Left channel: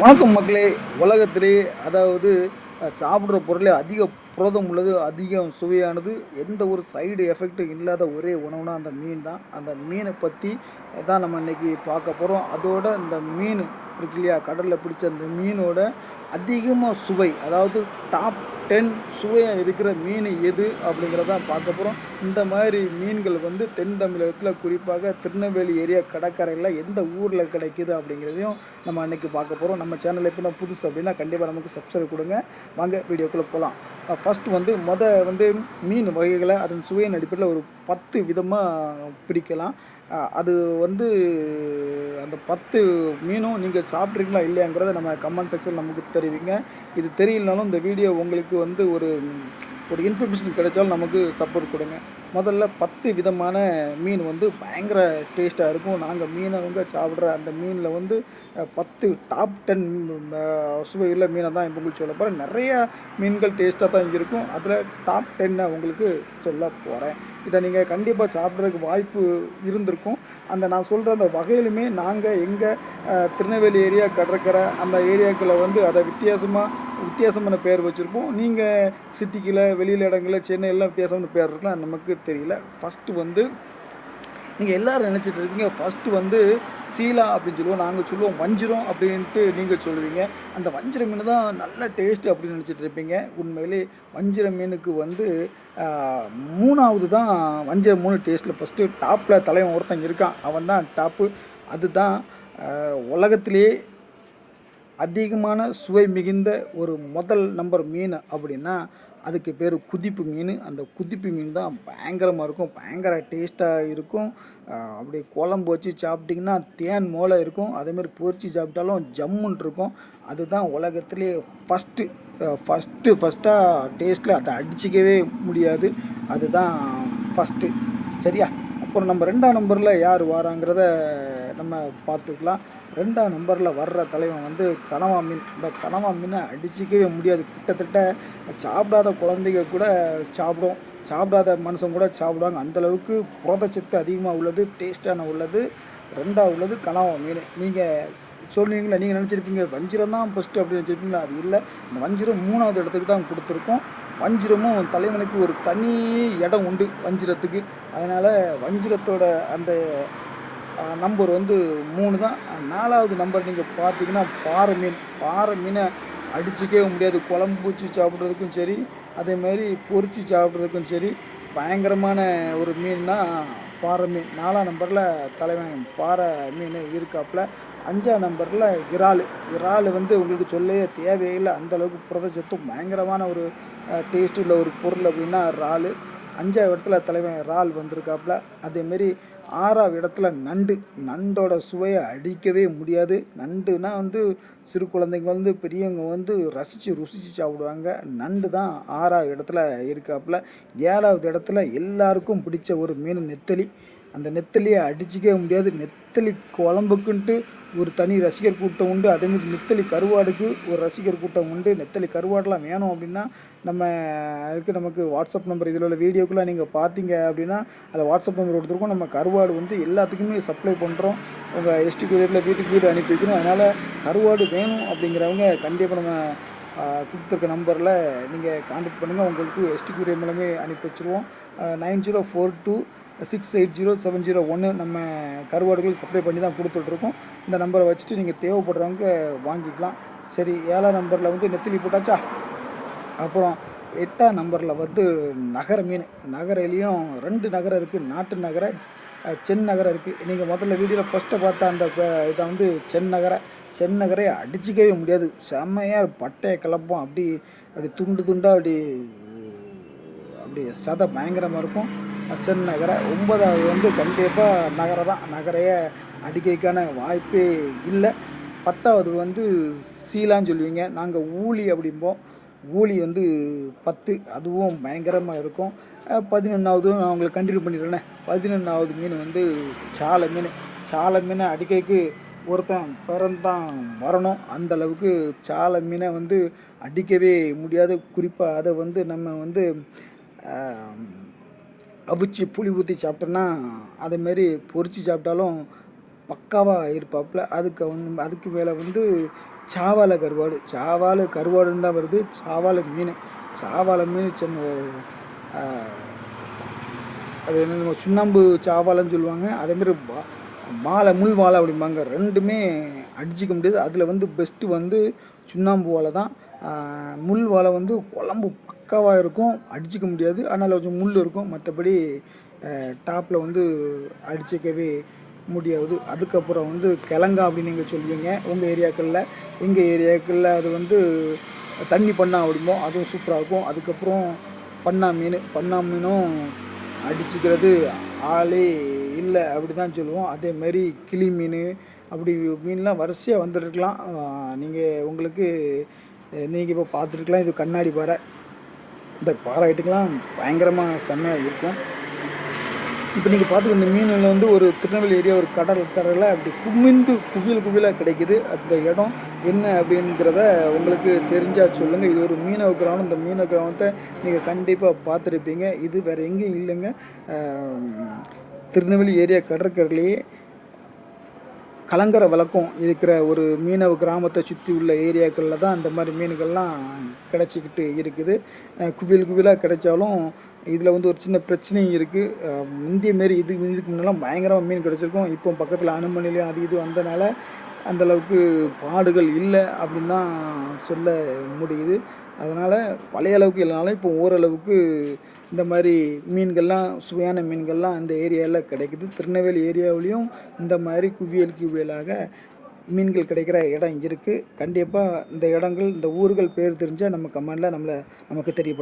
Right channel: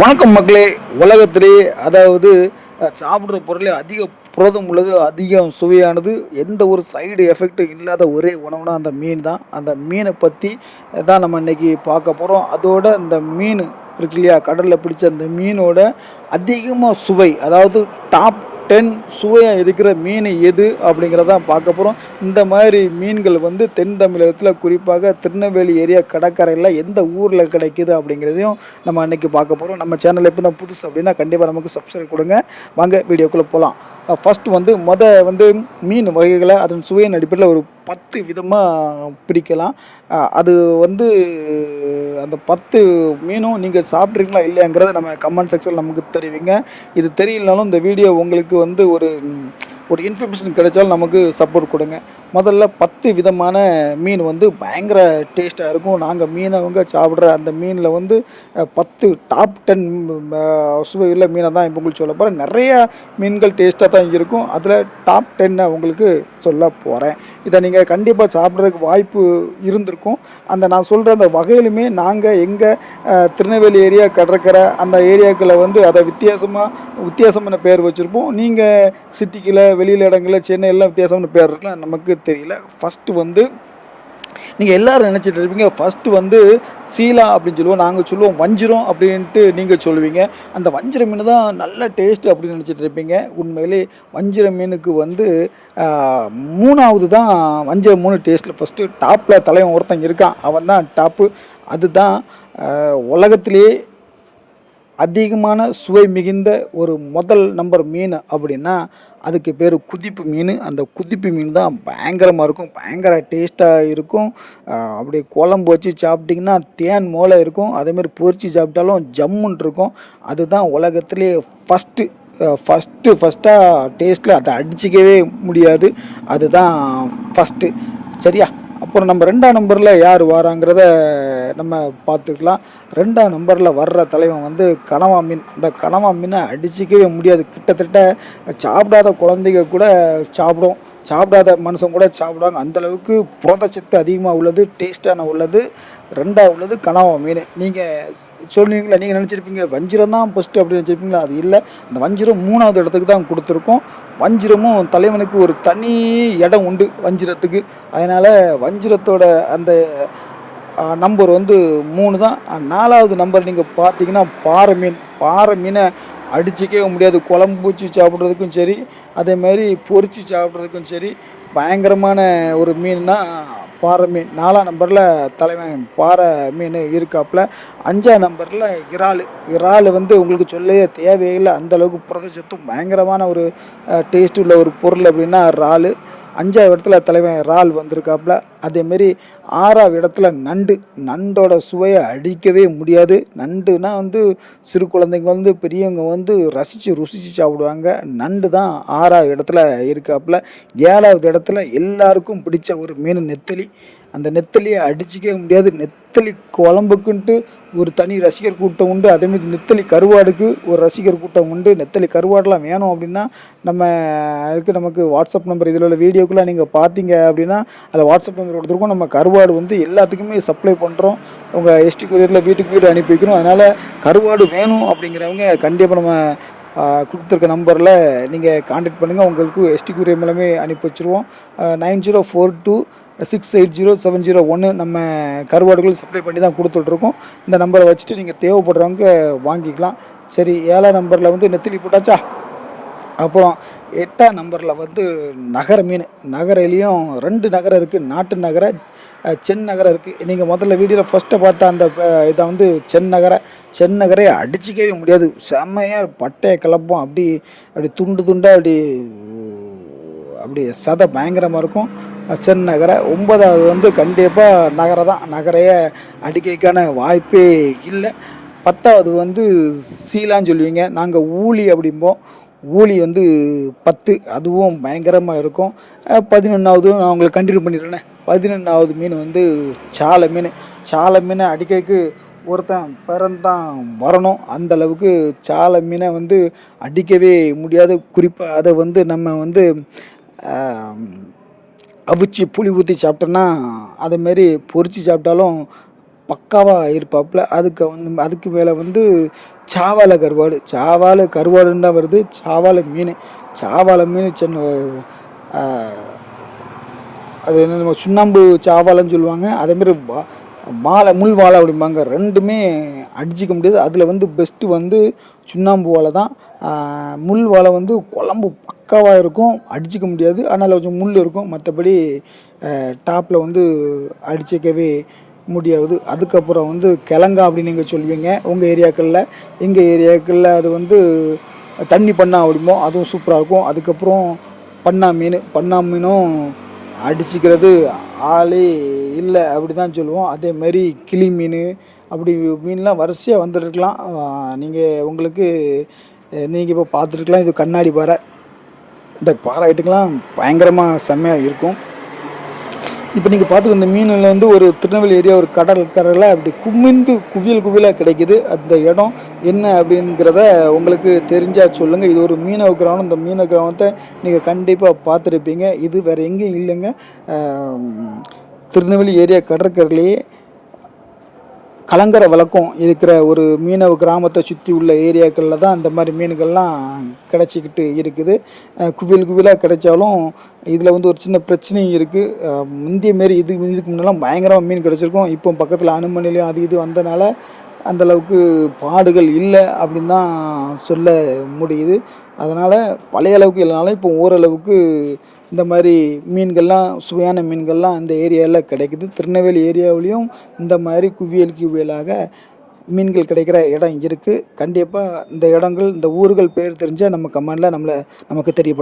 வணக்கம் மக்களே. உலகத்திலே அதாவது சாப்பிட்ற பொருளே அதிக புரதம் உள்ளது, அதிகம் சுவையானது, எந்த ஒரு சைடு எஃபெக்ட்டும் இல்லாத ஒரே உணவுனா அந்த மீன் தான். அந்த மீனை பற்றி தான் நம்ம இன்னைக்கு பார்க்க போகிறோம். அதோட இந்த மீன் இருக்கு இல்லையா, கடலில் பிடிச்ச அந்த மீனோட அதிகமாக சுவை, அதாவது டாப் 10 சுவையாக இருக்கிற மீன் எது அப்படிங்கிறதான் பார்க்க போகிறோம். இந்த மாதிரி மீன்கள் வந்து தென் தமிழகத்தில், குறிப்பாக திருநெல்வேலி ஏரியா கடற்கரையில் எந்த ஊரில் கிடைக்குது அப்படிங்கிறதையும் நம்ம அன்றைக்கி பார்க்க போகிறோம். நம்ம சேனல் எப்போ தான் புதுசு அப்படின்னா கண்டிப்பாக நமக்கு சப்ஸ்கிரைப் கொடுங்க. வாங்க வீடியோக்குள்ளே போகலாம். ஃபஸ்ட்டு வந்து மீன் வகைகளை அதன் சுவையின் அடிப்படையில் ஒரு 10 விதமாக பிரிக்கலாம். அது வந்து அந்த 10 மீனும் நீங்கள் சாப்பிட்றீங்களா இல்லையாங்கிறத நம்ம கமெண்ட் செக்ஷனில் நமக்கு தெரிவிங்க. இது தெரியலனாலும் இந்த வீடியோ உங்களுக்கு வந்து ஒரு இன்ஃபர்மேஷன் கிடைச்சாலும் நமக்கு சப்போர்ட் கொடுங்க. முதல்ல 10 விதமான மீன் வந்து பயங்கர டேஸ்ட்டாக இருக்கும். நாங்கள் மீனவங்க சாப்பிட்ற அந்த மீனில் வந்து 10 டாப் 10 சுவையுள்ள மீனை தான் இப்போ உங்களுக்கு சொல்ல போகிறேன். நிறையா மீன்கள் டேஸ்ட்டாக தான் இருக்கும். அதில் டாப் 10 உங்களுக்கு சொல்ல போகிறேன். இதை நீங்கள் கண்டிப்பாக சாப்பிட்றதுக்கு வாய்ப்பு இருந்திருக்கும். நான் சொல்கிற அந்த வகையிலுமே நாங்கள் எங்கள் திருநெல்வேலி ஏரியா கடற்கரை அந்த ஏரியாக்களில் வந்து அதை வித்தியாசமான பேர் வச்சுருப்போம். நீங்கள் சிட்டிக்குள்ள வெளியில் இடங்களில் சென்னையெல்லாம் வித்தியாசமான பேர் இருக்கலாம், நமக்கு தெரியல. ஃபஸ்ட்டு வந்து நீங்கள் எல்லோரும் நினச்சிட்டு இருப்பீங்க, ஃபஸ்ட்டு வந்து சீலா அப்படின்னு சொல்லுவோம், நாங்கள் சொல்லுவோம் வஞ்சிரம் அப்படின்ட்டு நீங்கள் சொல்லுவீங்க. அந்த வஞ்சிர மீன் தான் நல்ல டேஸ்ட்டு அப்படின்னு நினச்சிட்டு இருப்பீங்க. உண்மையிலே வஞ்சிர மீனுக்கு வந்து 3வது தான் வஞ்சிர மீன் டேஸ்ட்டில். ஃபஸ்ட்டு டாப்பில் தலைவன் ஒருத்தன் இருக்கான், அவன் தான் டாப்பு. அதுதான் உலகத்திலேயே அதிகமான சுவை மிகுந்த ஒரு முதல் நம்பர் மீன் அப்படின்னா அதுக்கு பேர் குதிப்பு மீன். அந்த குதிப்பு மீன் தான் பயங்கரமாக இருக்கும், பயங்கர டேஸ்ட்டாக இருக்கும். அப்படியே குழம்பு வச்சு சாப்பிட்டிங்கன்னா தேன் மோளை இருக்கும். அதேமாதிரி பொரிச்சு சாப்பிட்டாலும் ஜம்முன் இருக்கும். அதுதான் உலகத்திலே ஃபஸ்ட்டாக டேஸ்ட்டில் அதை அடிச்சிக்கவே முடியாது. அதுதான் ஃபஸ்ட்டு. சரியா? அப்புறம் நம்ம 2ஆம் நம்பரில் யார் வராங்கிறத நம்ம பார்த்துக்கலாம். 2ஆம் நம்பரில் வர்ற தலைவன் வந்து கனவா மீன். இந்த கனவா மீனை அடிச்சிக்கவே முடியாது. கிட்டத்தட்ட சாப்பிடாத குழந்தைங்க கூட சாப்பிடாத மனுஷன் கூட சாப்பிடுவாங்க. அந்தளவுக்கு புரதச்சத்து அதிகமாக உள்ளது, டேஸ்ட்டான உள்ளது. 2ஆவது உள்ளது கனவா மீன். நீங்கள் சொல்லுவீங்களா, நீங்கள் நினச்சிருப்பீங்க வஞ்சிரம் தான் ஃபஸ்ட்டு அப்படின்னு நினச்சிருப்பீங்களா? அது இல்லை. அந்த வஞ்சிரம் 3வது இடத்துக்கு தான் கொடுத்துருக்கோம். வஞ்சிரமும் தலைவனுக்கு ஒரு தனி இடம் உண்டு வஞ்சிரத்துக்கு. அதனால் வஞ்சிரத்தோட அந்த நம்பர் வந்து 3 தான். 4வது நம்பர் நீங்கள் பார்த்தீங்கன்னா பாறை மீனை அடிச்சிக்கவே முடியாது. குழம்பு வச்சு சாப்பிட்றதுக்கும் சரி, அதேமாதிரி பொரித்து சாப்பிட்றதுக்கும் சரி, பயங்கரமான ஒரு மீன்னா பாறை மீன். 4ஆம் நம்பரில் தலைவன் பாறை மீன் இருக்காப்புல. 5ஆம் நம்பரில் இறால் வந்து உங்களுக்கு சொல்லவே தேவையில்லை. அந்தளவுக்கு புரதச்சத்தும் பயங்கரமான ஒரு டேஸ்ட் உள்ள ஒரு பொருள் அப்படின்னா இறால். 5வது இடத்துல தலைவன் இறால் வந்திருக்காப்புல. அதேமாரி 6வது இடத்துல நண்டோட சுவையை அடிக்கவே முடியாது. நண்டுனா வந்து சிறு குழந்தைங்க வந்து பெரியவங்க வந்து ருசித்து சாப்பிடுவாங்க. நண்டு தான் 6வது இடத்துல இருக்காப்புல. 7வது இடத்துல எல்லாருக்கும் பிடிச்ச ஒரு மீன் நெத்தலி. அந்த நெத்தலியை அடிச்சிக்கவே முடியாது. நெத்தலி குழம்புக்குன்ட்டு ஒரு தனி ரசிகர் கூட்டம் உண்டு. அதேமாதிரி நெத்தலி கருவாடுக்கு ஒரு ரசிகர் கூட்டம் உண்டு. நெத்தலி கருவாடெலாம் வேணும் அப்படின்னா நமக்கு வாட்ஸ்அப் நம்பர், இதில் உள்ள வீடியோக்குள்ளே நீங்கள் பார்த்தீங்க அப்படின்னா அதில் வாட்ஸ்அப் நம்பர் கொடுத்துருக்கோம். நம்ம கருவாடு வந்து எல்லாத்துக்குமே சப்ளை பண்ணுறோம். உங்கள் எஸ்டி கொரியரில் வீட்டுக்கு அனுப்பி வைக்கணும். அதனால் கருவாடு வேணும் அப்படிங்கிறவங்க கண்டிப்பாக நம்ம கொடுத்துருக்க நம்பரில் நீங்கள் கான்டாக்ட் பண்ணுங்கள். உங்களுக்கு எஸ்டி கொரியர் மூலமே அனுப்பி வச்சுருவோம். 9042268071 நம்ம கருவாடுகள் சப்ளை பண்ணி தான் கொடுத்துட்ருக்கோம். இந்த நம்பரை வச்சுட்டு நீங்கள் தேவைப்படுறவங்க வாங்கிக்கலாம். சரி, 7ஆம் நம்பரில் வந்து நெத்திலி போட்டாச்சா? அப்புறம் 8ஆம் நம்பரில் வந்து நகர மீன். நகரையிலையும் 2 நகரம் இருக்குது. நாட்டு நகரை, சென் நகரம் இருக்குது. நீங்கள் முதல்ல வீடியோவில் ஃபஸ்ட்டை பார்த்த அந்த இதை வந்து செந்நகரை அடிச்சிக்கவே முடியாது. செம்மையாக பட்டையை கிளப்போம். அப்படி துண்டாக அப்படி சதை பயங்கரமாக இருக்கும். செந்நகரை. 9வது வந்து கண்டிப்பாக நகரையே அடிக்கைக்கான வாய்ப்பே இல்லை. 10வது வந்து சீலான்னு சொல்லுவீங்க, நாங்கள் ஊளி அப்படிம்போம். ஊளி வந்து 10, அதுவும் பயங்கரமாக இருக்கும். 11வது நான் உங்களுக்கு கண்டினியூ பண்ணிடுறேனே. 11வது மீன் வந்து சாலை மீனை அடிக்கைக்கு ஒருத்தன் பிறந்தான் வரணும். அந்தளவுக்கு சாலை மீனை வந்து அடிக்கவே முடியாது. குறிப்பாக அதை வந்து நம்ம வந்து அவிச்சு புளி ஊற்றி சாப்பிட்டோன்னா, அதேமாரி பொரித்து சாப்பிட்டாலும் பக்காவாக இருப்பாப்புல. அதுக்கு மேலே வந்து சாவால கருவாடு. கருவாடுன்னு தான் வருது. சாவால மீன். சாவால மீன் அ அது என்ன சுண்ணாம்பு சாவாலன்னு சொல்லுவாங்க. அதேமாரி முள் வாலை அப்படிம்பாங்க. 2மே அடிச்சுக்க முடியாது. அதில வந்து பெஸ்ட்டு வந்து சுண்ணாம்பு வாலை தான். முள் வாலை வந்து குழம்பு பக்காவா இருக்கும். அடிச்சுக்க முடியாது. ஆனால கொஞ்சம் முள் இருக்கும். மற்றபடி டாப்பில் வந்து அடிச்சுக்கவே முடியாது. அதுக்கப்புறம் வந்து கிழங்கா அப்படின்னு நீங்க சொல்லுவீங்க உங்கள் ஏரியாக்களில். எங்கள் ஏரியாக்களில் அது வந்து தண்ணி பண்ணா அப்படிம்போம். அதுவும் சூப்பராக இருக்கும். அதுக்கப்புறம் பண்ணா மீனும் அடிச்சுக்கிறது ஆளே இல்லை அப்படி தான் சொல்லுவோம். அதேமாரி கிளி மீன் அப்படி மீன்லாம் வரிசையாக வந்துட்டுருக்கலாம். உங்களுக்கு நீங்கள் இப்போ பார்த்துருக்கலாம். இது கண்ணாடி பாறை. இந்த பாறை ஐட்டங்கள்லாம் பயங்கரமாக செம்மையாக இருக்கும். இப்போ நீங்கள் பார்த்துட்டு இந்த மீனில் வந்து ஒரு திருநெல்வேலி ஏரியா ஒரு கரையில் அப்படி குவியலாக கிடைக்குது. அந்த இடம் என்ன அப்படிங்கிறத உங்களுக்கு தெரிஞ்சால் சொல்லுங்கள். இது ஒரு மீனவ கிராமம். இந்த மீனவ கிராமத்தை நீங்கள் கண்டிப்பாக பார்த்துருப்பீங்க. இது வேறு எங்கேயும் இல்லைங்க. திருநெல்வேலி ஏரியா கடற்கரையிலேயே கலங்கரை விளக்கம் இருக்கிற ஒரு மீனவ கிராமத்தை சுற்றி உள்ள ஏரியாக்களில் தான் அந்த மாதிரி மீன்கள்லாம் கிடச்சிக்கிட்டு இருக்குது. குவியலாக கிடைச்சாலும் இதில் வந்து ஒரு சின்ன பிரச்சனையும் இருக்குது. முந்திய மாரி இதுக்கு முன்னெல்லாம் பயங்கரமாக மீன் கிடச்சிருக்கும். இப்போ பக்கத்தில் அனுமன் நிலையம் அது இது வந்தனால அந்தளவுக்கு பாடுகள் இல்லை அப்படின்னு தான் சொல்ல முடியுது. அதனால் பழைய அளவுக்கு இல்லைனாலும் இப்போ ஓரளவுக்கு இந்த மாதிரி மீன்கள்லாம் சுவையான மீன்கள்லாம் அந்த ஏரியாவில் கிடைக்குது. திருநெல்வேலி ஏரியாவிலையும் இந்த மாதிரி குவியலாக மீன்கள் கிடைக்கிற இடம் இருக்குது. கண்டிப்பாக இந்த ஊர்கள் பேர் தெரிஞ்சால் நம்ம கமெண்டில் நமக்கு தெரியப்படுத்துங்க.